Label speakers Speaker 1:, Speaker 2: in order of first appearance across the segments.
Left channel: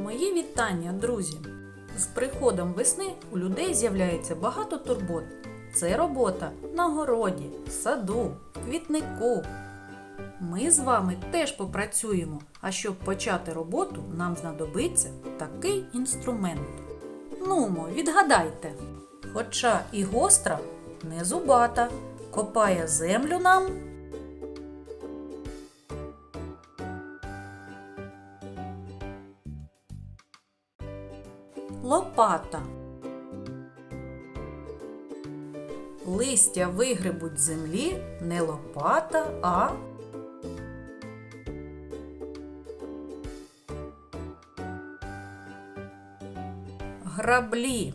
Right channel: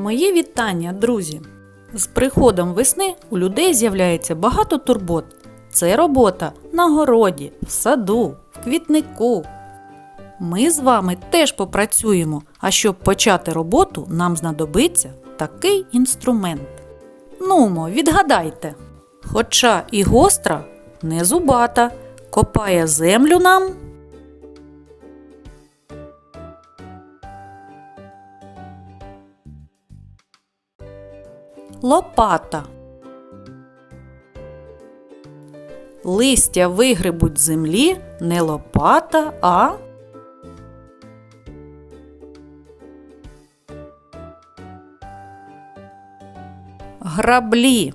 Speaker 1: Мої вітання, друзі! З приходом весни у людей з'являється багато турбот. Це робота на городі, в саду, в квітнику. Ми з вами теж попрацюємо, а щоб почати роботу, нам знадобиться такий інструмент. Нумо, відгадайте. Хоча і гостра, не зубата, копає землю нам. Лопата. Листя вигребуть з землі не лопата, а граблі.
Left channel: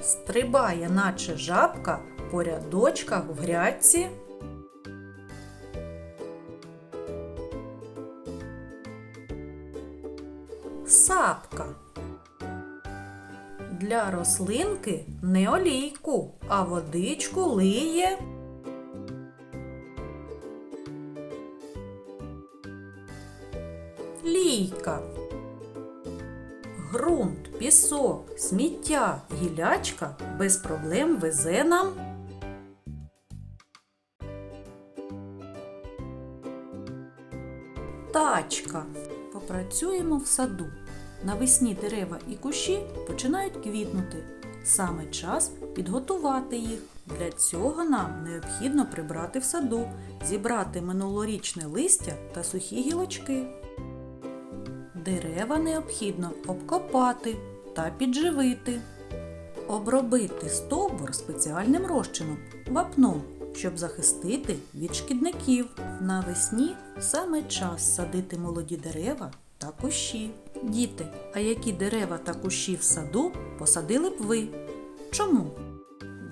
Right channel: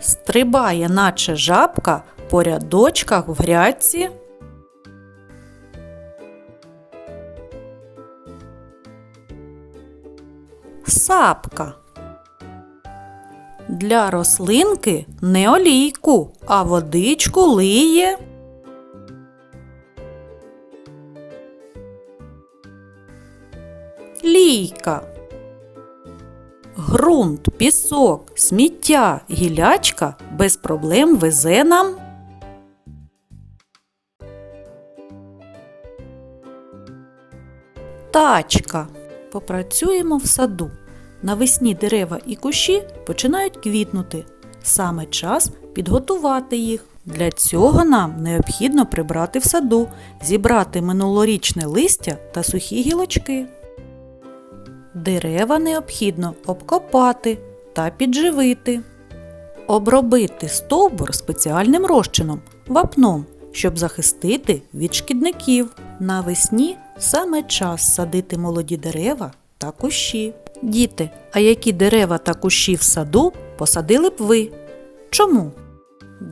Speaker 1: Стрибає, наче жабка по рядочках в грядці. Сапка. Для рослинки не олійку, а водичку лиє. Лійка. Грунт, пісок, сміття, гілячка без проблем везе нам. Тачка. Попрацюємо в саду. Навесні дерева і кущі починають квітнути. Саме час підготувати їх. Для цього нам необхідно прибрати в саду, зібрати минулорічне листя та сухі гілочки. Дерева необхідно обкопати та підживити. Обробити стовбур спеціальним розчином вапном, щоб захистити від шкідників. Навесні саме час садити молоді дерева та кущі. Діти, а які дерева та кущі в саду посадили б ви? Чому?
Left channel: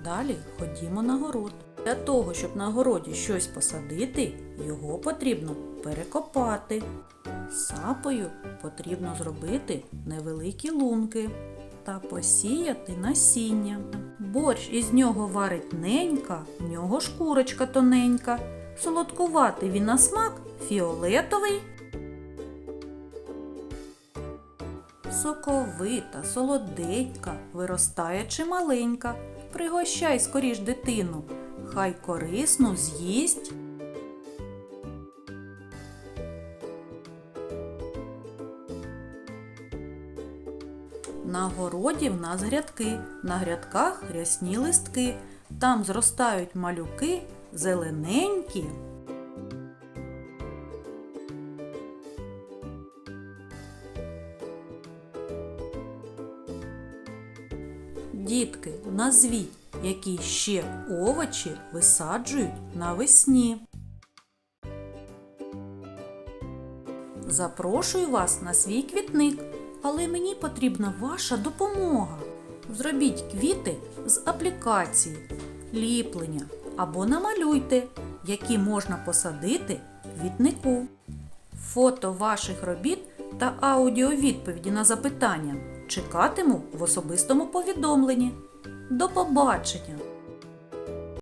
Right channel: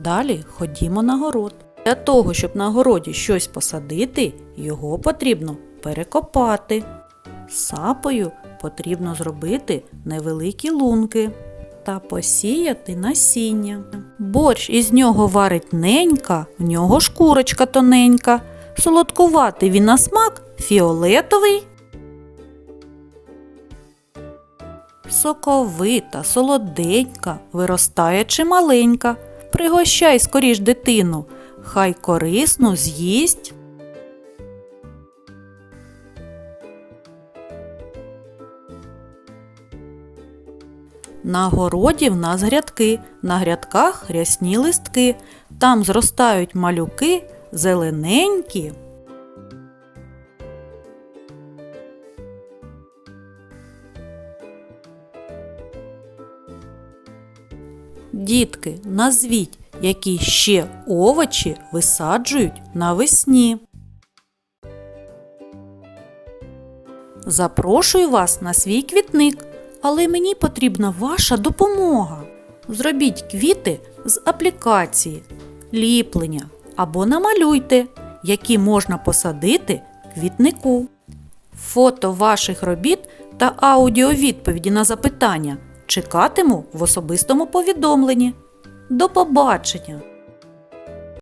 Speaker 1: Далі ходімо на город. Для того, щоб на городі щось посадити, його потрібно перекопати. Сапою потрібно зробити невеликі лунки та посіяти насіння. Борщ із нього варить ненька, в нього шкурочка тоненька. Солодкуватий він на смак фіолетовий. Соковита, солоденька, виростає чималенька. Пригощай скоріш дитину, хай корисну з'їсть. На городі в нас грядки, на грядках рясні листки, там зростають малюки зелененькі. Дітки, назвіть, які ще овочі висаджують навесні. Запрошую вас на свій квітник, але мені потрібна ваша допомога. Зробіть квіти з аплікації, ліплення або намалюйте, які можна посадити квітнику. Фото ваших робіт та аудіовідповіді на запитання чекатиму в особистому повідомленні. До побачення!